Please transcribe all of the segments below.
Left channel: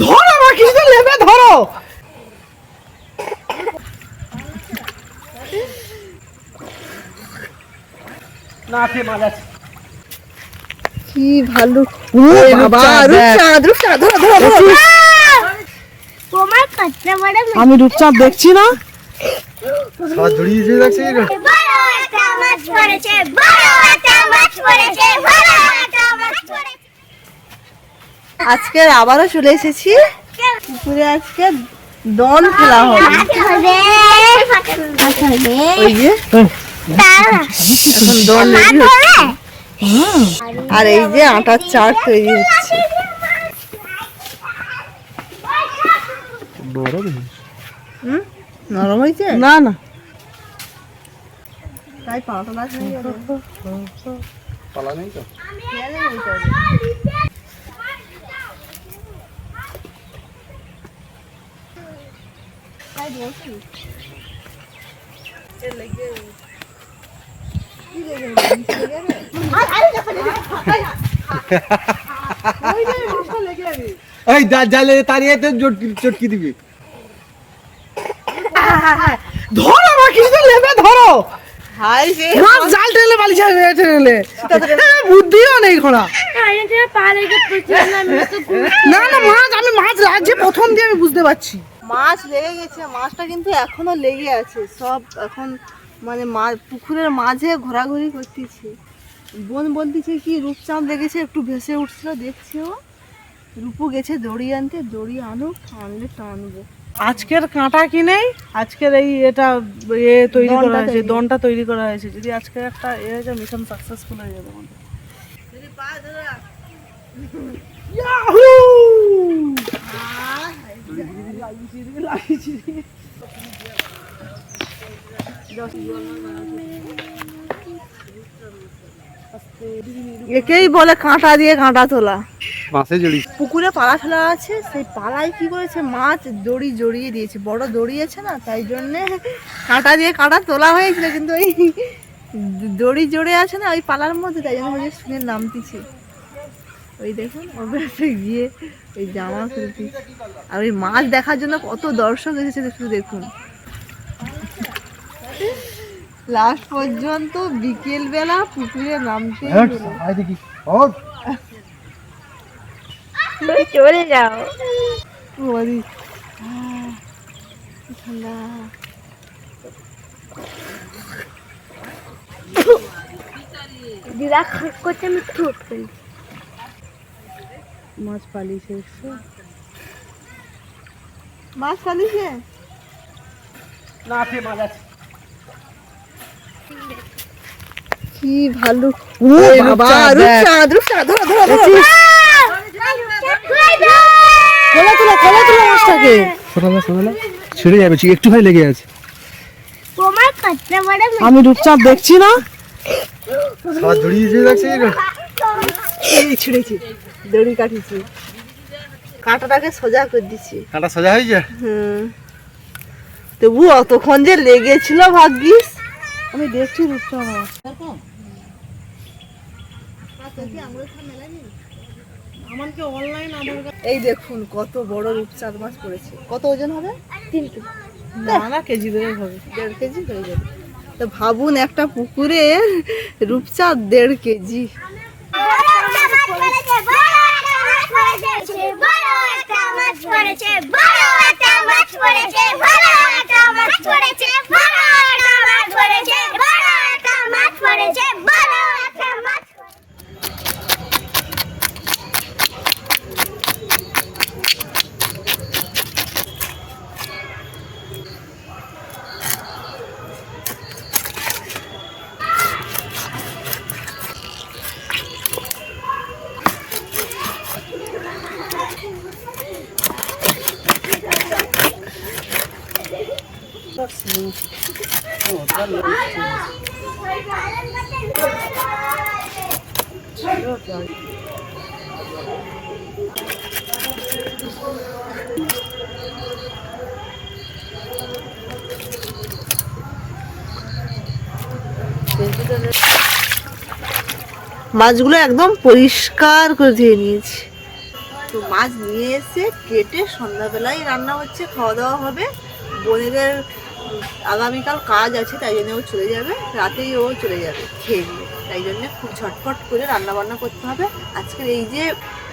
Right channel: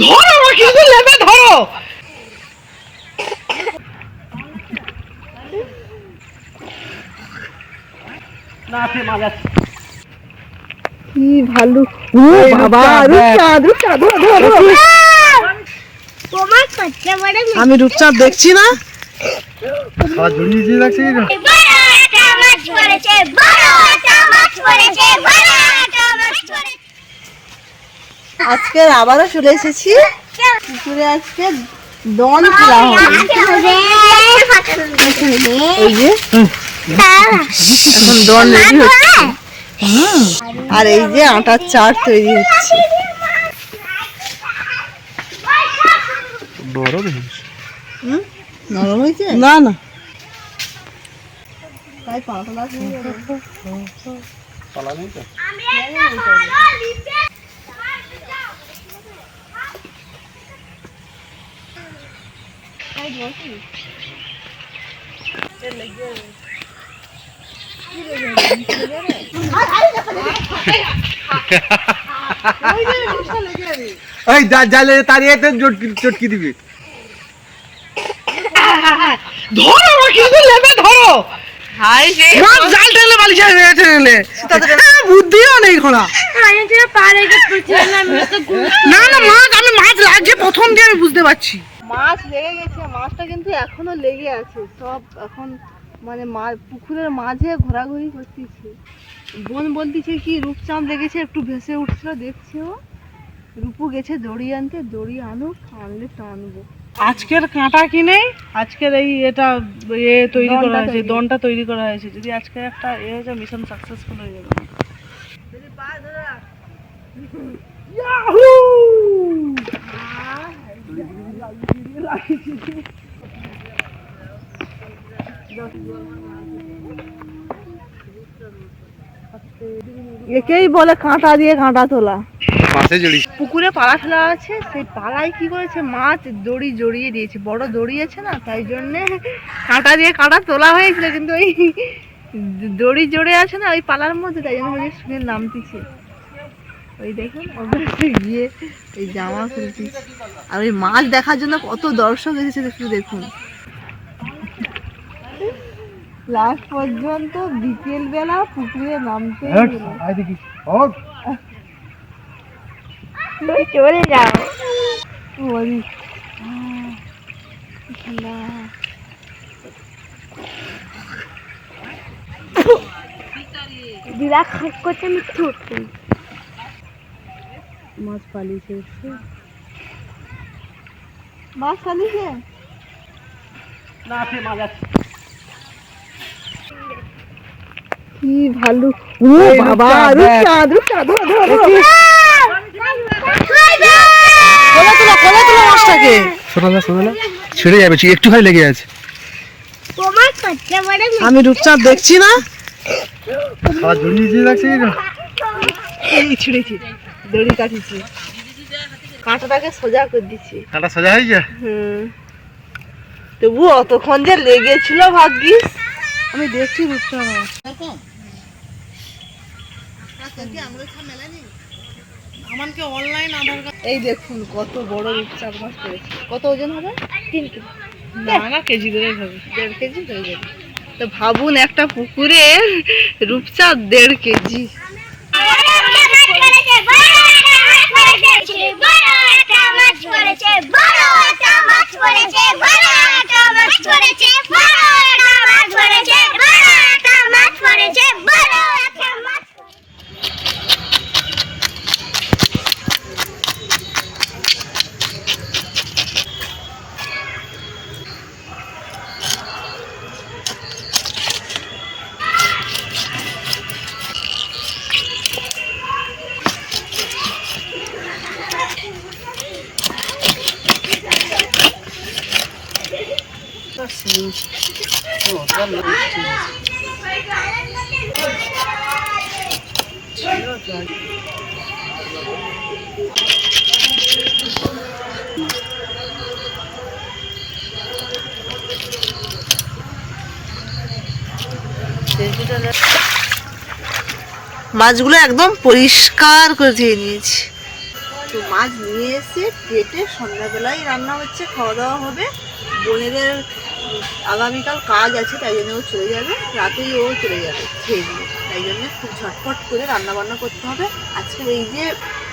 ধরো ধরো আছে কি ভালো ও বাবা রূপচাঁদ, রূপচাঁদ রূপচাঁদ ধরো ধরো ধরো তোমার আমি রূপচাঁদ দেখছি না? সব জড়িয়ে দিয়ে রাখছে বড় একটা মাছ পড়েছে বড় একটা মাছ পড়েছে বড় একটা মাছ পড়েছে আজকে আবারও চলে এসেছি। পুকুরে আজকে দন খেলা হবে। ওই যে। এখন দন রেডি হচ্ছে। আর এই যে আটার চার তৈরি হচ্ছে। বড় হুম? নরম হয়েছে না না। তাই পাটা লাগছে পালা নেই তো? এই জালে তাড়িয়ে চটকি চটকি দিবি। ধরো আমার কিছু নেবে ধরো। মাছ জাল টেনে বালিশ টেনে বুদ্ধিও নেই খোলা। না না মাছ আমি মাছ লাগছে প্রথম দিয়ে আমি বুঝতে পারছি। মাছ লেগে গেছে মাছটা কিন্তু এখনও লেগে আছে। সব এখন মানে মা পুকুরের মাঝে ঘোরাঘুরি করতেছে। বোন বলতেছে কি রূপচাঁদ লেগেছে একটু ভেসে উঠছিল দেখছে ও। রূপু গেছে দড়ি আনতে দড়ি আনুক আনলে টানবো। আজকের কাঁটা কিনে আজকের এই এটা এ তৈরি করা হয়েছে দনটা তৈরি করা হয়েছে। যদি আজকে একটা এ হয়েছে মিশন সাকসেসফুল হয়ে যাবে। একেই বলে কাঁটা দিয়ে কাঁটা তোলা। পুকুরে পালা ফেলা আছে সেই পালায় কি করেছে? মাছ দড়ি জড়িয়ে দিয়েছে। বড় দড়ি আছে না তাই জন্যে কাঁটা দিয়ে কাঁটা তোলা হয়েছিল কিন্তু ওই দড়ি জড়ে আছে না ওই পালার মধ্যে তাই জন্য ওই শুনে নামতিছে ওই দেখুন ওটা গিয়ে এই জামা খুলতেছে আর ওই মাছ দেখার জন্য কত দর্শক এসেছে একটু দেখুন। লাস্ট পর্যন্ত বিকেল বেলা পুকুরে নামতে ও চলে যাও। ঠান্ডা বিরাট খাক করতে মিথ্যে উঠতে মাছ পালিয়েছে উঠছে মাছ পালিয়েছে না সে মাছ আছে। কি ভালো। ও বাবা রূপচাঁদ, রূপচাঁদ ধরো ধরো ধরো। কোলা তুলো কোলা তুলো মাছটাকে। শোনা না শোনা না। ছিঁড়ে যাবে একটু খাই লেগে আছে। তোমার কচ্চা বড় আমি রূপচাঁদ দেখছি না। সব জড়িয়ে দিয়ে রাখছে এই ছিঁড়েছি দড়ি কাটিছি। কাঁটাটাকে সোজা করে দিচ্ছি কাঁটা সাজা হয়ে যায় হুম। তবু অতক্ষণ যে লেগেছিল ভাগ্যিস। আমি দেখছি রূপচাঁদ আমার আমাকে অনলাইন আধার কার্ড এই দেখুন কত বড় রূপচাঁদ মাছ পড়েছে। কত ওজন হবে? তিন কেজি। না না কেজি ধরে হবে। দেড় কেজি হয়ে যাবে। তো ভাবুন একটা পুকুরে রূপচাঁদ দেড় কেজি। বড় একটা মাছ পড়েছে মাছগুলো একদম পরিষ্কার করে দিয়ে নিয়েছি। তো মাছ নিয়ে এসে কেটে সন্ধ্যাবেলায় রান্না হচ্ছে, খাওয়া দাওয়া হবে। বোনেদের আগামীকাল কাজ আছে, তাই জন্য ও চলে যাবে। রাতেই ও চলে যাবে খেয়ে দিয়ে। তাই জন্য খুব ঝটপট করে রান্নাবান্না করতে হবে। আজকে এই যে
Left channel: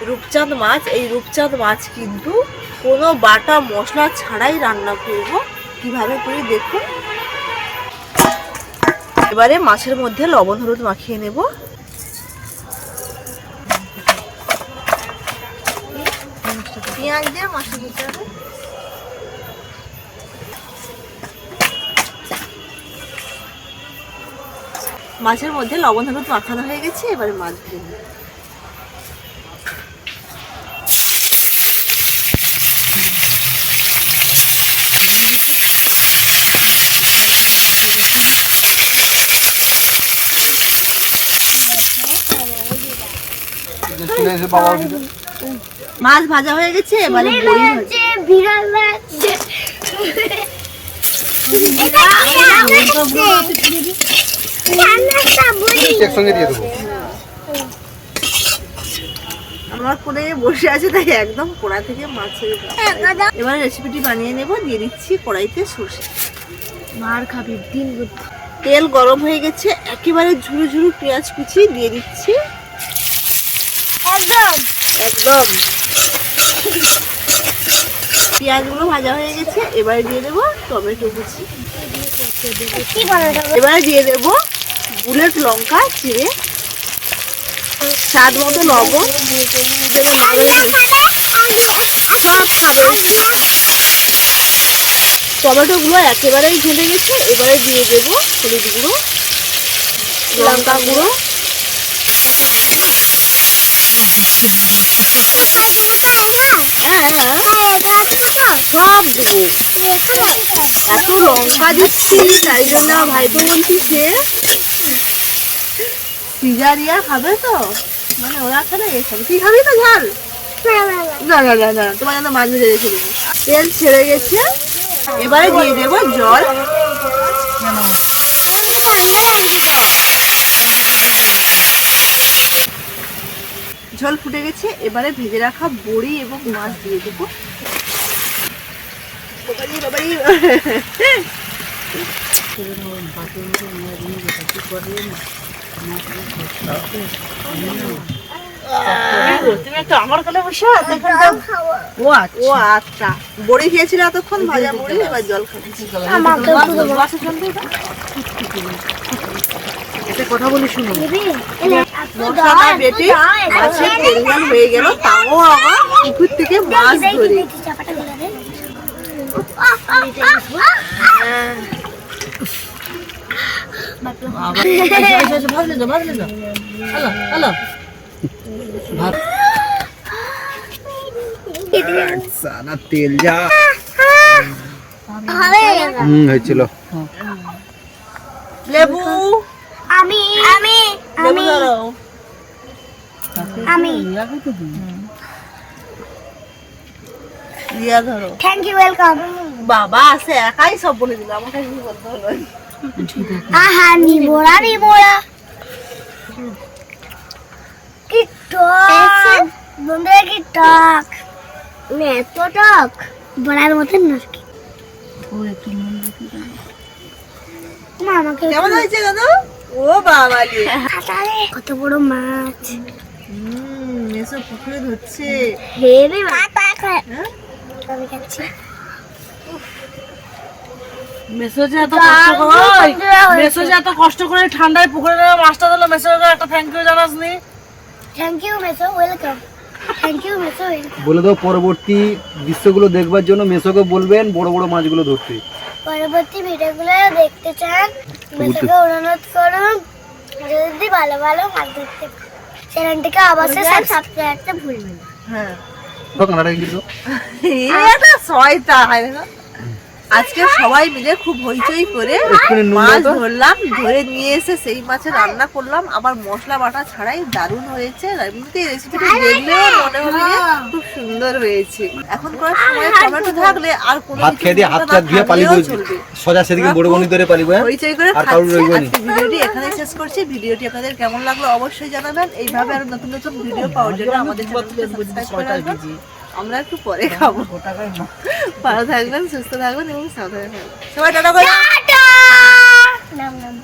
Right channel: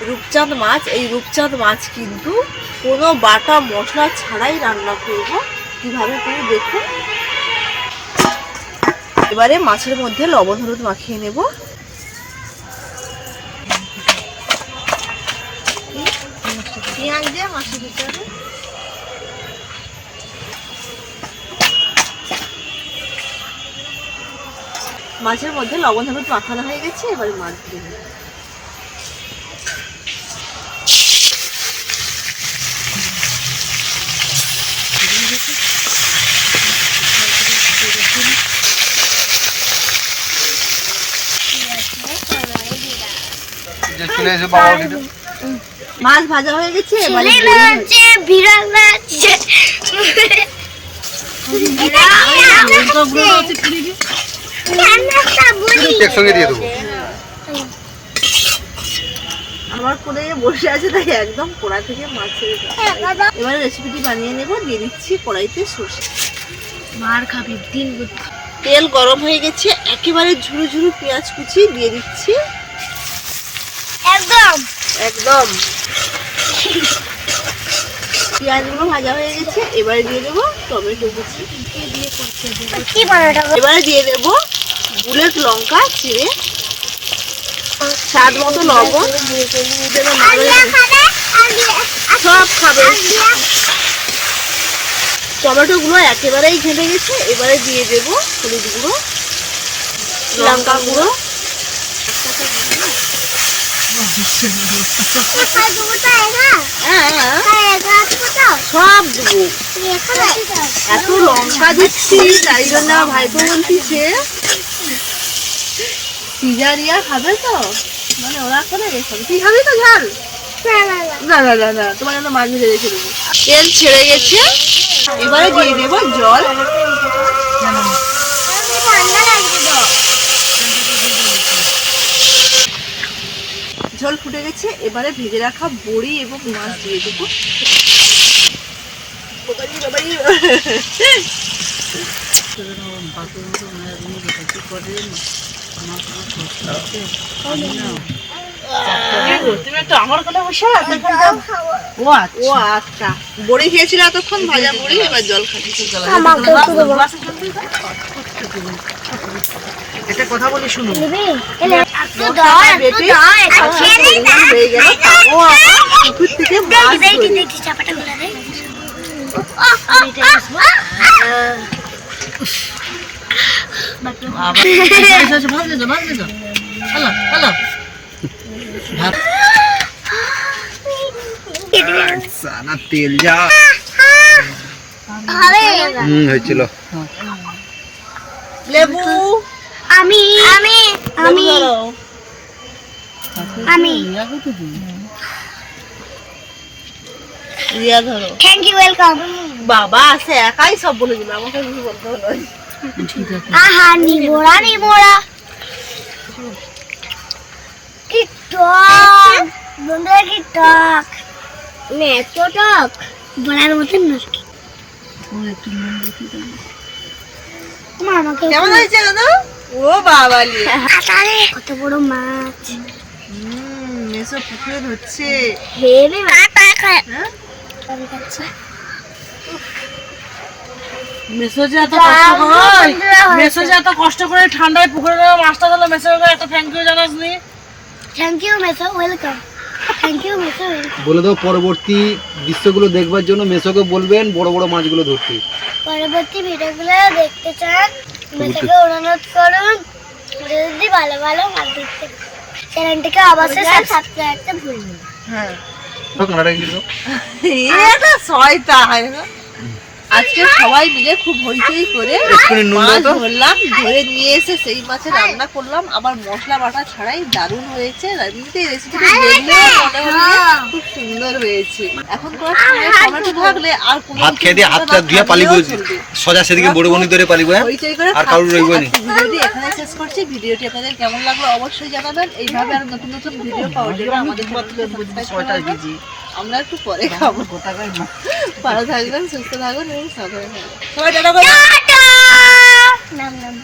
রূপচাঁদ মাছ, এই রূপচাঁদ মাছ কিন্তু কোনো বাটা মশলা ছাড়াই রান্না করব। কীভাবে করে দেখুন। এবারে মাছের মধ্যে লবণ, হলুদ মাখিয়ে নেব। পেঁয়াজ দিয়ে মাছে দিতে মাছের মধ্যে লবণ হলুদ মাখানো হয়ে গেছে এবারে মাছ দিয়ে মাছ ভাজা হয়ে গেছে এবারে আছে, বিড়াল মাছ আছে। একসঙ্গে দিয়ে দেবো। আমার করে বসে আছে তাই একদম কড়া থেকে মাছের এবার রেসিপিটি বানিয়ে নেব দিয়ে দিচ্ছি কড়াইতে সর্ষে। মার খাবি দিন তেল গরম হয়ে গেছে একেবারে ঝুরু ঝুরু পেঁয়াজ কুচি দিয়ে দিচ্ছি। একদম। একদম। পেঁয়াজগুলো ভাজা হয়ে গেছে এবারে দিয়ে দেবো টমেটো কুচি। এবারে দিয়ে দেবো বুলেট লঙ্কা চিড়ে স্বাদ মতো লবণ। সব খাবে। টমেটো গুলো একেবারেই ঘেটে গেছে এবারে দিয়ে দেবো হলুদ গুঁড়ো লঙ্কা গুঁড়ো। হ্যাঁ সব দেবো। এত লঙ্কা দিচ্ছি তাই জন্য আমার ভাইপো বলতিছে সিজারিয়া খাবে তো? মানে ওরা খাবে এ তুই খাবি তো ঝাল? না না না না তোমার জন্য মাছ ভেজে রেখে দেবো। তেল ছেড়ে গেছে। এবারে দিয়ে দেবো জল। জল ফুটে গেছে এবারে ভেজে রাখা বড়ি এবং মাছ দিয়ে দেবো বাবারি, বাবারি। তুমি একটু আমার কোলে বসে আছো? ও আচ্ছা আচ্ছা বড়ি খেয়েছিল এতক্ষণ ভাজা বড়ি এবার জল খাচ্ছি একটা কথা বলি শুনো মশলাটা বেটে আজকে পরিমাণ হয়ে গেল তাও আমার পুকুর থেকে মাছ সানা তেল যা হুম হয়েছিল লেবু আমি আমি আমি আমি রিয়া ধরো। থ্যাংক ইউ ওয়েলকাম বাবা আছে একাই সব বলে দিল আমাকে কিছু বলতে হলো আহা নিমোড়া নিমোড়া কি টক বন্ধুরা কি টক মানে এত টক বলার মতন নাকি মা আমাকে কেমন হয়েছে দাদা? ও বাবা লিয়ে কত বড় মাছ। হুম এসব পুকুরে ধরছে। হেরে কাটা মেসোজে এত কষ্ট করে মেসোজে এত কষ্ট করে ঠান্ডায় পুকুরে নেমে মাছটা মেসোজে একটা থ্যাংক ইউ থ্যাংক ইউ মেসো ওয়েলকাম থ্যাংক ইউ মেসো বলে দাও পরবর্তী দৃশ্যগুলো দেখবার জন্য মেসোকে বলবেন বড় বড় মাছগুলো ধরতে। পরবর্তী ভিডিওগুলো দেখতে চান মেসোকে অনুরোধ করুন যদি ভালো ভালো মাছ চ্যানেলটিকে অবশ্যই সাবস্ক্রাইব করতে ভুলবেন না। হ্যাঁ। কানাডা কিন্তু এটা শয়তান আজকে সবাই মিলে খুব হইচই করে মাছ ধরলাম ধরে নিয়ে এসে সেই মাছে রান্না করলাম। আবার মশলা বাটা ছাড়াই দারুণ হয়েছে। এমনিতে রেসিপিটা দেখলেও মনে খুব সুন্দর হয়েছে। এখন করার সময় টমেটো থাকলে আর কোনো ভাত খেয়ে দিয়ে হাতটা ধুয়ে পালিব সোজা সেদিকে বড় বনি ধরে পালিব হইচই করে আর কারোর খাচ্ছি। রইবো নি। ভিডিওটি এখানে শেষ করছি। ভিডিওটি আপনাদের কেমন লাগল অবশ্যই জানাবেন। এইভাবে আরও নতুন নতুন ভিডিও পাওয়ার জন্য আমাদের চ্যানেলকে সাবস্ক্রাইব করে রাখবেন। আমরা একটু পরে খাব। ভালো থাকবেন সুস্থ থাকবেন এবং সাবধানে থাকবেন। সবাই টাটা করে নাম নাম।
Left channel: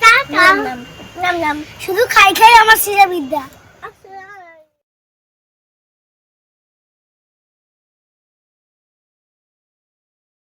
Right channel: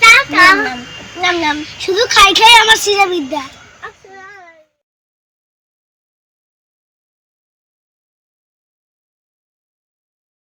নাম নাম। শুধু খাই খাই আমার সিরা বিদ্যা